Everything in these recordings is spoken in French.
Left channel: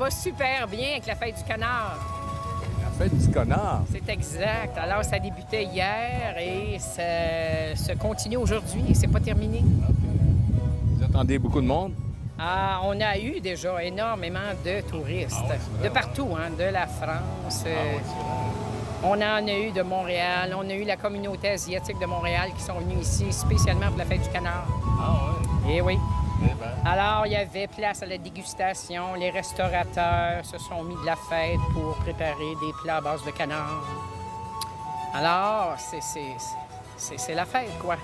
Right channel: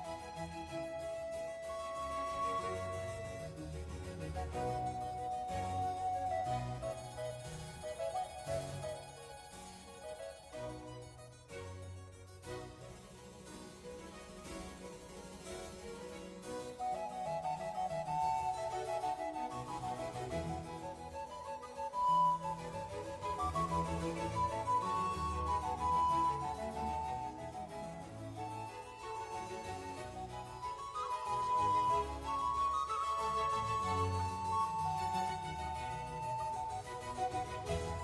va super bien avec la fête du canard. La fête du canard. C'est exact. Alors, ça débutait hier et ça se continue aujourd'hui. C'est pas terminé. Vous attendez beaucoup de monde? Ah, on a eu déjà énormément de touristes. De partout, hein, de la France. On en a eu de Montréal. On a eu la communauté asiatique de Montréal qui sont venus ici spécialement pour la fête du canard. Ah ouais? Eh oui. Eh ben. Alors, il y avait place à la dégustation. Les restaurateurs se sont mis de la fête pour préparer des plats à base de canard. Alors, c'est la fête, quoi.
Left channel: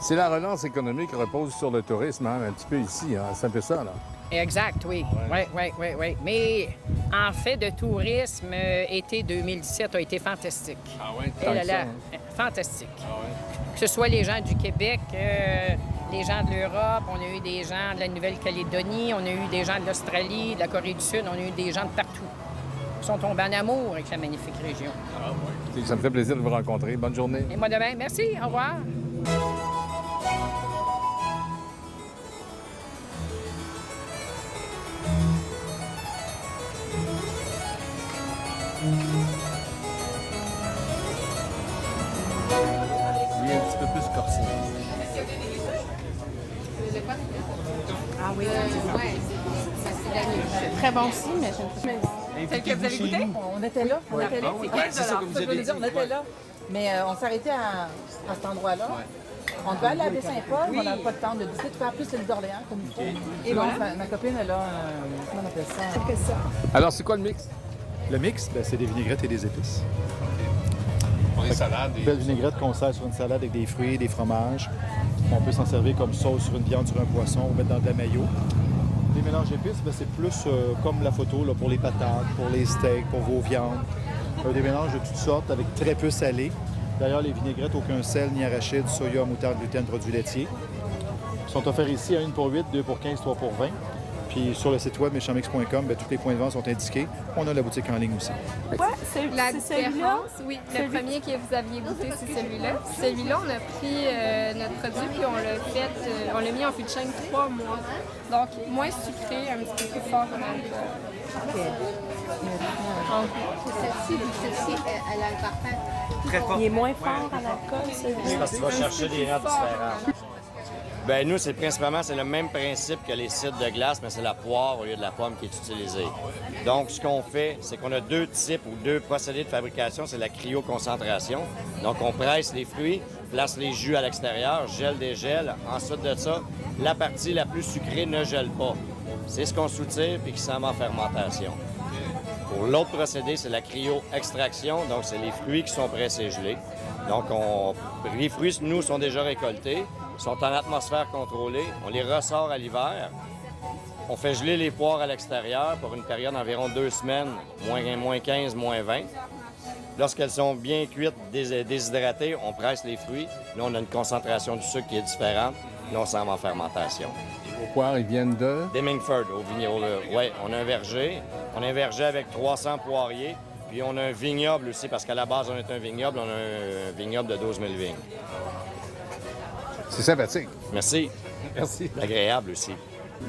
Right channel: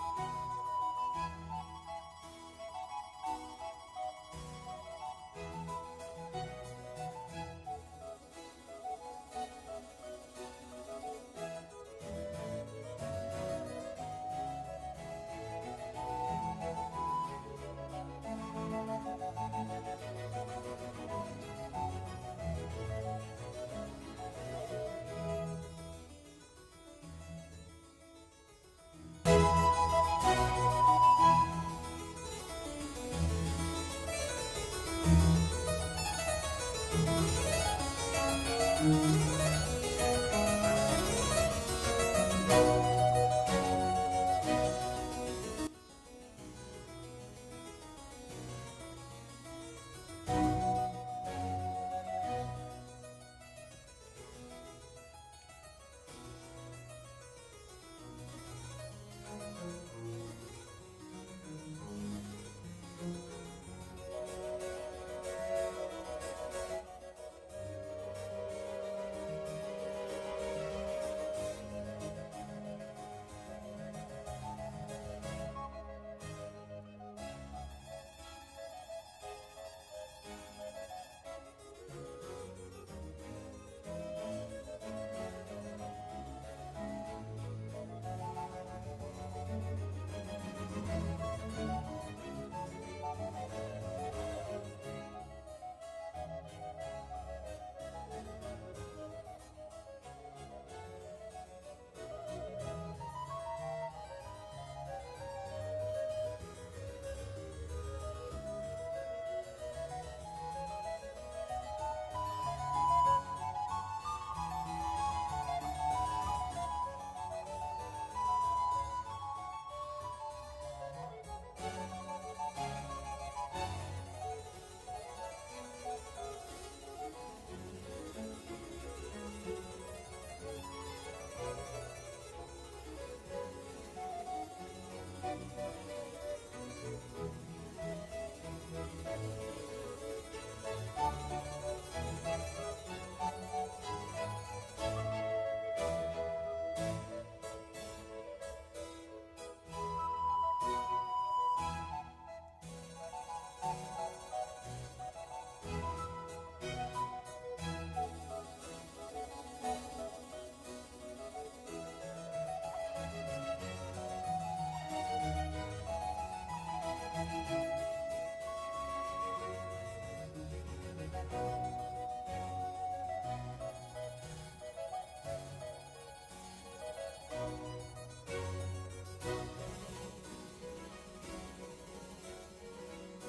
C'est la relance économique qui repose sur le tourisme, hein, un petit peu ici. Hein. C'est un peu ça, là. Exact, oui. Oui. Mais en fait, de tourisme, été 2017 a été fantastique. Ah oui? Et là là, fantastique. Que ce soit les gens du Québec, les gens de l'Europe, on a eu des gens de la Nouvelle-Calédonie, on a eu des gens de l'Australie, de la Corée du Sud, on a eu des gens de partout. Ils sont tombés en amour avec la magnifique région. Ah oui. Écoutez, ça me fait plaisir de vous rencontrer. Bonne journée. Et moi demain, merci, au revoir. Il est un petit peu plus corsé. Ah oui, c'est très bon aussi, mais j'aime pas. Celle que vous avez goûté? On était là, on était là. C'est ça que vous avez dit. On était là. Mais on s'arrêtait à cet endroit-là. On devait aller à baie Saint-Paul, mais on n'avait pas le temps de décider de faire plus l'île d'Orléans comme il faut. Et donc, ma copine, elle a comment on appelle ça? Alors, c'est quoi le mix? Le mix, ben, c'est des vinaigrettes et des épices. Pour les salades. Une belle vinaigrette qu'on sert sur une salade avec des fruits, des fromages. On peut s'en servir comme sauce sur une viande, sur un poisson, ou mettre dans de la mayo. Les mélanges épices, ben, c'est plus comme la photo là, pour les patates, pour les steaks, pour vos viandes. Des mélanges de toutes sortes avec très peu salé. D'ailleurs, les vinaigrettes, aucun sel ni arachide, soya, moutarde, gluten, produits laitiers. Ils sont offerts ici à 1 pour 8, 2 pour 15, 3 pour 20. Puis sur le site web méchampmix.com, ben, tous les points de vente sont indiqués. On a la boutique en ligne aussi. Ouais, c'est La celui-là. différence, oui, le premier que vous aviez goûté, c'est celui-là. Celui-là, on a pris notre produit puis on l'a fait, on l'a mis en fût de chêne 3 mois. Donc, moins sucré, un petit peu plus fort en alcool. Celle-ci, elle a un parfum. Très fort. Il est moins fort en alcool, celui-là. Parce que tu vas chercher des notes différentes. Ben nous, c'est le même principe que les cidres de glace, mais c'est la poire au lieu de la pomme qui est utilisée. Donc, ce qu'on fait, c'est qu'on a deux types ou deux procédés de fabrication. C'est la cryoconcentration. Donc, on presse les fruits, place les jus à l'extérieur, gèle, dégèle. Ensuite de ça, la partie la plus sucrée ne gèle pas. C'est ce qu'on soutire puis qui s'en va en fermentation. Pour l'autre procédé, c'est la cryo-extraction. Donc, c'est les fruits qui sont pressés gelés. Donc, les fruits, nous, sont déjà récoltés, sont en atmosphère contrôlée. On les ressort à l'hiver. On fait geler les poires à l'extérieur pour une période d'environ 2 semaines, moins 15, moins 20. Lorsqu'elles sont bien cuites, déshydratées, on presse les fruits. Là, on a une concentration du sucre qui est différente. Là, on s'en va en fermentation. Vos poires, ils viennent de... Demingford, au vignoble. Oui, on a un verger. On a un verger avec 300 poiriers. Puis on a un vignoble aussi, parce qu'à la base, on est un vignoble. On a un vignoble de 12 000 vignes. C'est sympathique. Merci. Merci. Agréable aussi.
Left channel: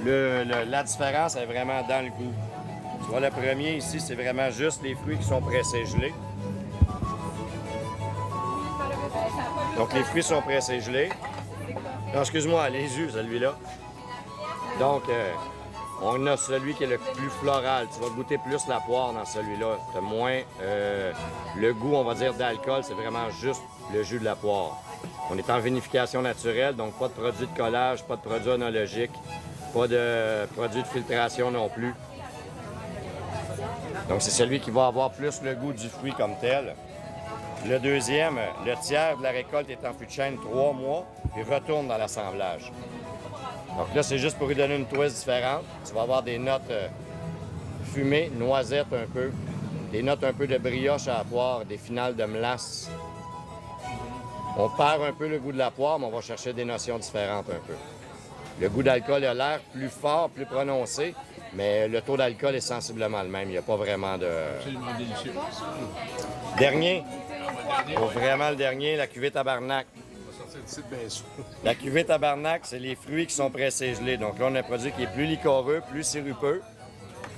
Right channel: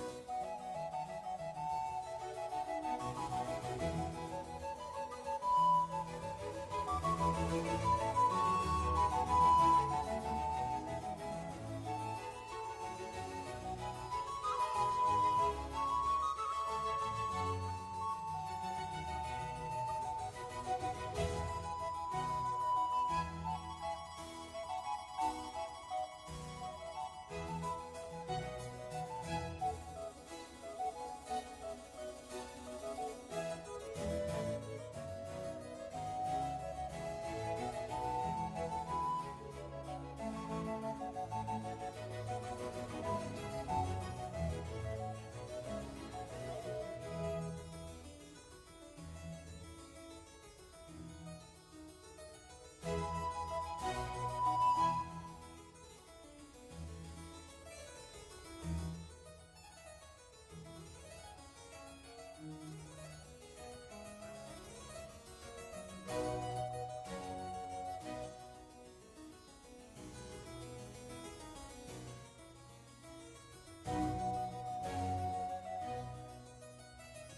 La différence est vraiment dans le goût. Tu vois, le premier ici, c'est vraiment juste les fruits qui sont pressés gelés. Donc, les fruits sont pressés gelés. Non, excuse-moi, les jus, celui-là. Donc, on a celui qui est le plus floral. Tu vas goûter plus la poire dans celui-là. Tu as moins le goût, on va dire, d'alcool. C'est vraiment juste le jus de la poire. On est en vinification naturelle, donc pas de produits de collage, pas de produits onologiques, pas de produits de filtration non plus. Donc, c'est celui qui va avoir plus le goût du fruit comme tel. Le deuxième, le tiers de la récolte est en fût de chêne 3 mois, puis retourne dans l'assemblage. Donc là, c'est juste pour lui donner une twist différente. Tu vas avoir des notes fumées, noisettes un peu, des notes un peu de brioche à la poire, des finales de melasse. On perd un peu le goût de la poire, mais on va chercher des notions différentes un peu. Le goût d'alcool a l'air plus fort, plus prononcé, mais le taux d'alcool est sensiblement le même. Il n'y a pas vraiment de... Absolument délicieux. Dernier. Pour vraiment le dernier, la cuvée tabarnak. La cuvée tabarnak, c'est les fruits qui sont pressés gelés. Donc là, on a un produit qui est plus liquoreux, plus sirupeux.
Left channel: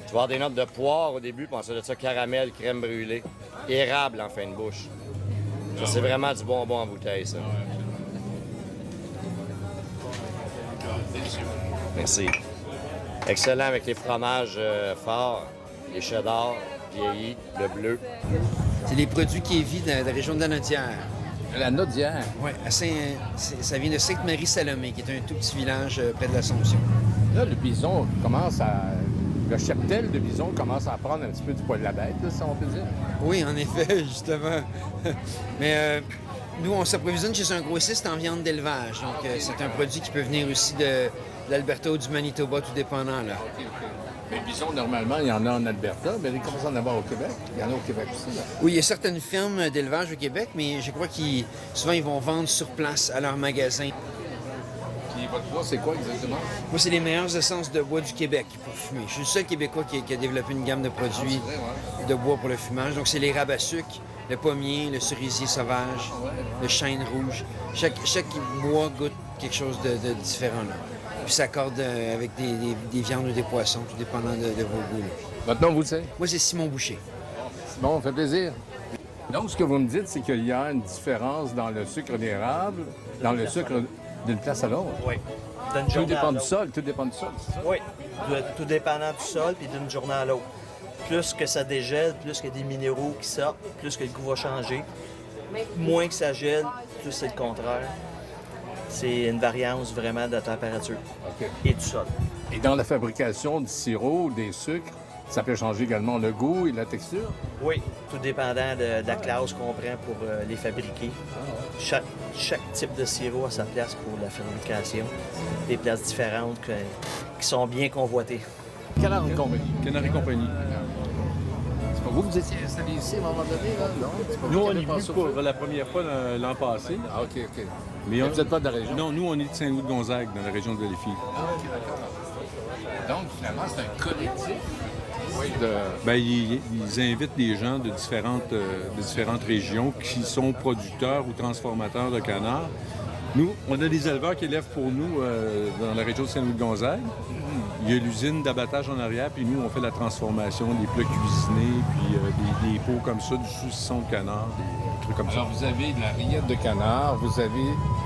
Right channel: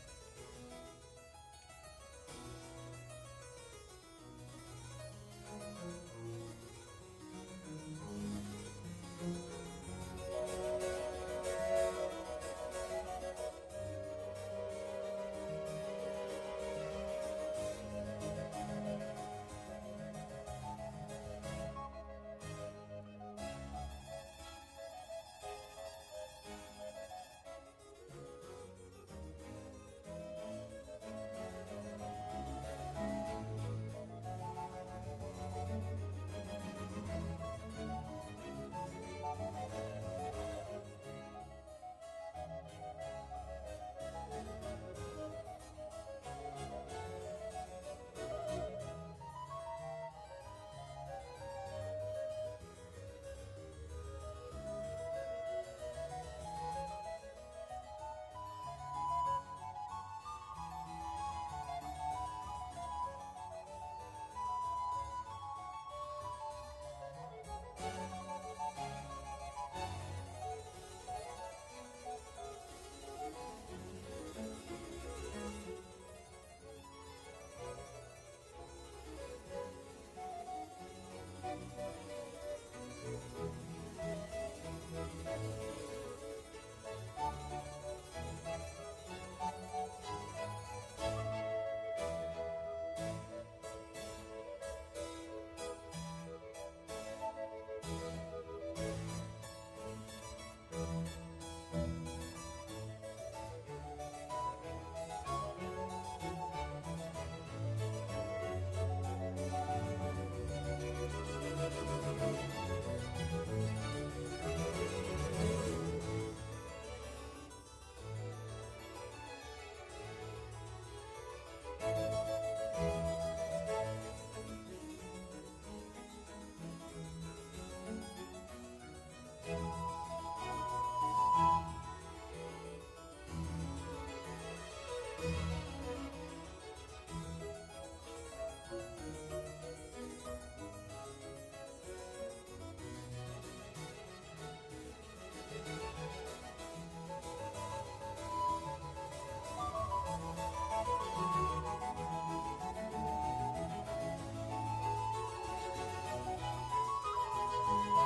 Tu vas avoir des notes de poire au début, puis ensuite de ça, caramel, crème brûlée, érable en fin de bouche. Ça, c'est vraiment du bonbon en bouteille, ça. Merci. Excellent avec les fromages forts, les cheddar, vieillis, le bleu. C'est les produits Kévi de la région de la Nodière. La Nodière. Oui, ça vient de Sainte-Marie-Salomé, qui est un tout petit village près de l'Assomption. Là, le bison commence à... Le cheptel de bison commence à prendre un petit peu du poil de la bête, là, si on peut dire. Oui, en effet, justement. Mais nous, on s'approvisionne chez un grossiste en viande d'élevage. Donc, c'est un produit qui peut venir aussi de l'Alberta ou du Manitoba, tout dépendant, là. Mais bison, normalement, il y en a en Alberta, mais il commence à en avoir au Québec. Il y en a au Québec aussi, là. Oui, il y a certaines fermes d'élevage au Québec, mais je crois qu'ils souvent, ils vont vendre sur place à leur magasin. Puis votre bois, c'est quoi exactement? Moi, c'est les meilleures essences de bois du Québec pour fumer. Je suis le seul Québécois qui a développé une gamme de produits de bois pour le fumage. Donc, c'est les rabe à sucre, le pommier, le cerisier sauvage, le chêne rouge. Chaque bois goûte quelque chose de différent, là. Puis ça accorde avec des viandes ou des poissons, tout dépendant de vos goûts, là. Maintenant, vous le savez? Moi, c'est Simon Boucher. Bon, ça fait plaisir. Donc, ce que vous me dites, c'est qu'il y a une différence dans le sucre d'érable, dans le sucre d'une place à l'autre. Oui. Tout dépend du sol, tout dépend du sol. Oui, tout dépendant du sol puis d'une journée à l'autre. Plus que ça dégèle, plus qu'il y a des minéraux qui sortent, plus que le goût va changer. Moins que ça gèle, plus c'est le contraire. C'est une variance vraiment de la température et du sol. Et dans la fabrication du sirop, des sucres, ça peut changer également le goût et la texture? Oui, tout dépendant de la classe qu'on prend pour les fabriquer. Chaque type de sirop a sa place pour la fabrication. Des places différentes qui sont bien convoitées. Canard et compagnie. Canard et compagnie. Vous étiez installé ici à un moment donné, là? Non? Nous, on est venu pour la première fois l'an passé. Ah, OK, OK. Mais vous n'êtes pas de la région? Non, nous, on est de Saint-Louis-de-Gonzague, dans la région de Valleyfield. Ah, OK, d'accord. Donc, finalement, c'est un collectif. Oui, Bien, ils invitent des gens de différentes régions qui sont producteurs ou transformateurs de canards. Nous, on a des éleveurs qui élèvent pour nous dans la région de Saint-Louis-de-Gonzague. Il y a l'usine d'abattage en arrière, puis nous, on fait la transformation, des plats cuisinés, puis des pots comme ça, du saucisson de canard, des trucs comme ça. Alors, vous avez de la rillette de canard, vous avez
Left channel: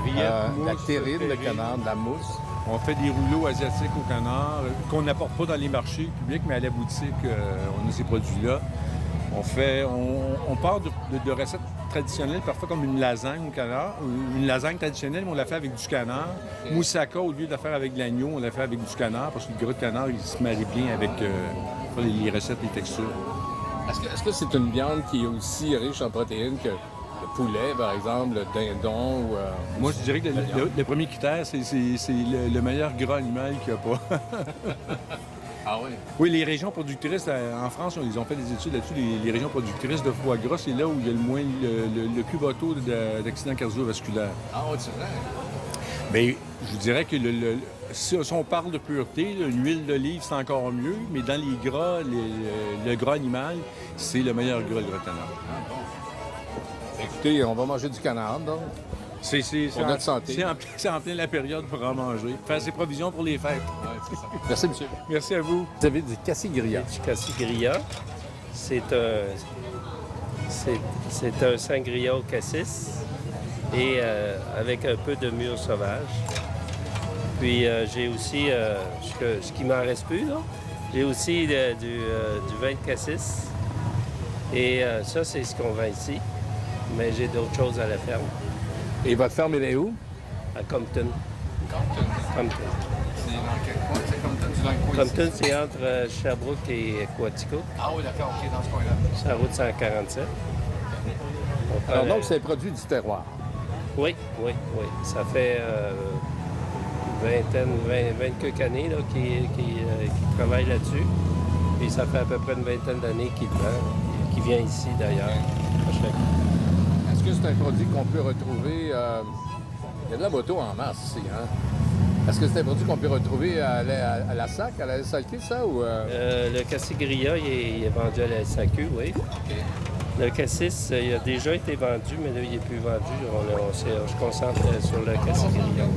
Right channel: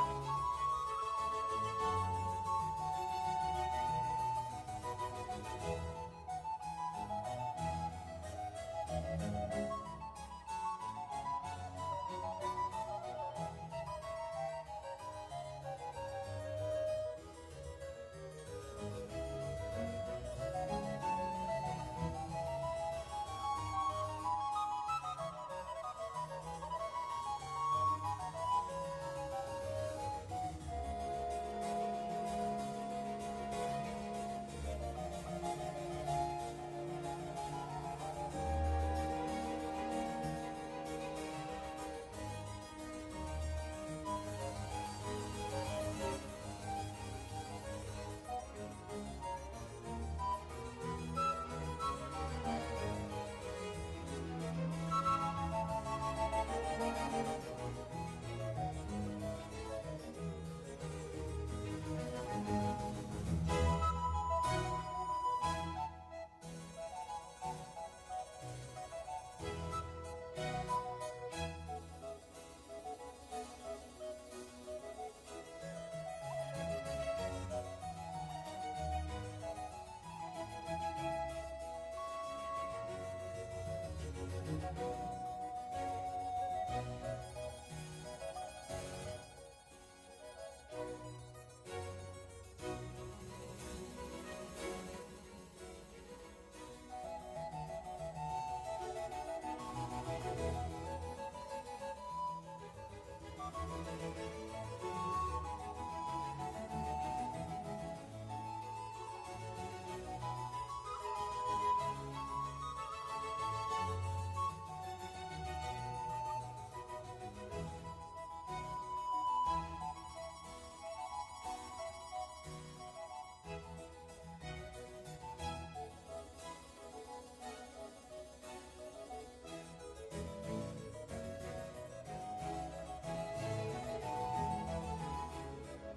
Rillette, la mousse, terrine de terrine. canard, de la mousse. On fait des rouleaux asiatiques au canard qu'on n'apporte pas dans les marchés publics, mais à la boutique, on a ces produits-là. On part de recettes traditionnelles, parfois comme une lasagne au canard. Une lasagne traditionnelle, mais on la fait avec du canard. Moussaka, au lieu de la faire avec de l'agneau, on la fait avec du canard, parce que le gras de canard, il se marie bien avec les recettes, les textures. Est-ce que c'est une viande qui est aussi riche en protéines que le poulet, par exemple, le dindon ou... Moi, je dirais que le premier critère, c'est le meilleur gras animal qu'il n'y a pas. Ah oui? Oui, les régions productrices, en France, ils ont fait des études là-dessus. Les régions productrices de foie gras, c'est là où il y a le plus bas taux d'accidents cardiovasculaires. Ah oui, c'est vrai? Bien, je vous dirais que si on parle de pureté, une huile d'olive, c'est encore mieux, mais dans les gras, le gras animal, c'est le meilleur gras, le canard. Écoutez, on va manger du canard, donc. Pour notre santé. C'est en plein la période pour en manger. Faire ses provisions pour les fêtes. Ouais, c'est ça. Merci, monsieur. Merci à vous. Vous avez du cassis-grillat. Du cassis-grillat. C'est un sangria au cassis et avec un peu de mûre sauvage. Puis j'ai aussi, ce qui m'en reste plus, là, j'ai aussi du vin de cassis. Et ça, c'est ce qu'on vend ici. Mais j'ai d'autres choses à la ferme. Et votre ferme, elle est où? À Compton. Compton. C'est dans quel coin? C'est Compton? C'est dans le coin Compton, c'est entre Sherbrooke et Quatico. Ah oui, d'accord, OK, dans ce coin-là. C'est la route 147. Alors donc, c'est un produit du terroir? Oui. Ça fait 20 quelques années là, qui travaille là-dessus. Et ça fait à peu près une vingtaine d'années qu'il vient ici d'ailleurs. Est-ce que c'est un produit qu'on peut retrouver... Il y a de la moto en masse ici, hein? Est-ce que c'est un produit qu'on peut retrouver à la SAC, à la SAQ, ça, ou... Le cassis-grillat, il est vendu à la SAQ, oui. OK. Le cassis, il a déjà été vendu, mais là, il n'est plus vendu. On se concentre sur le cassis-grillat.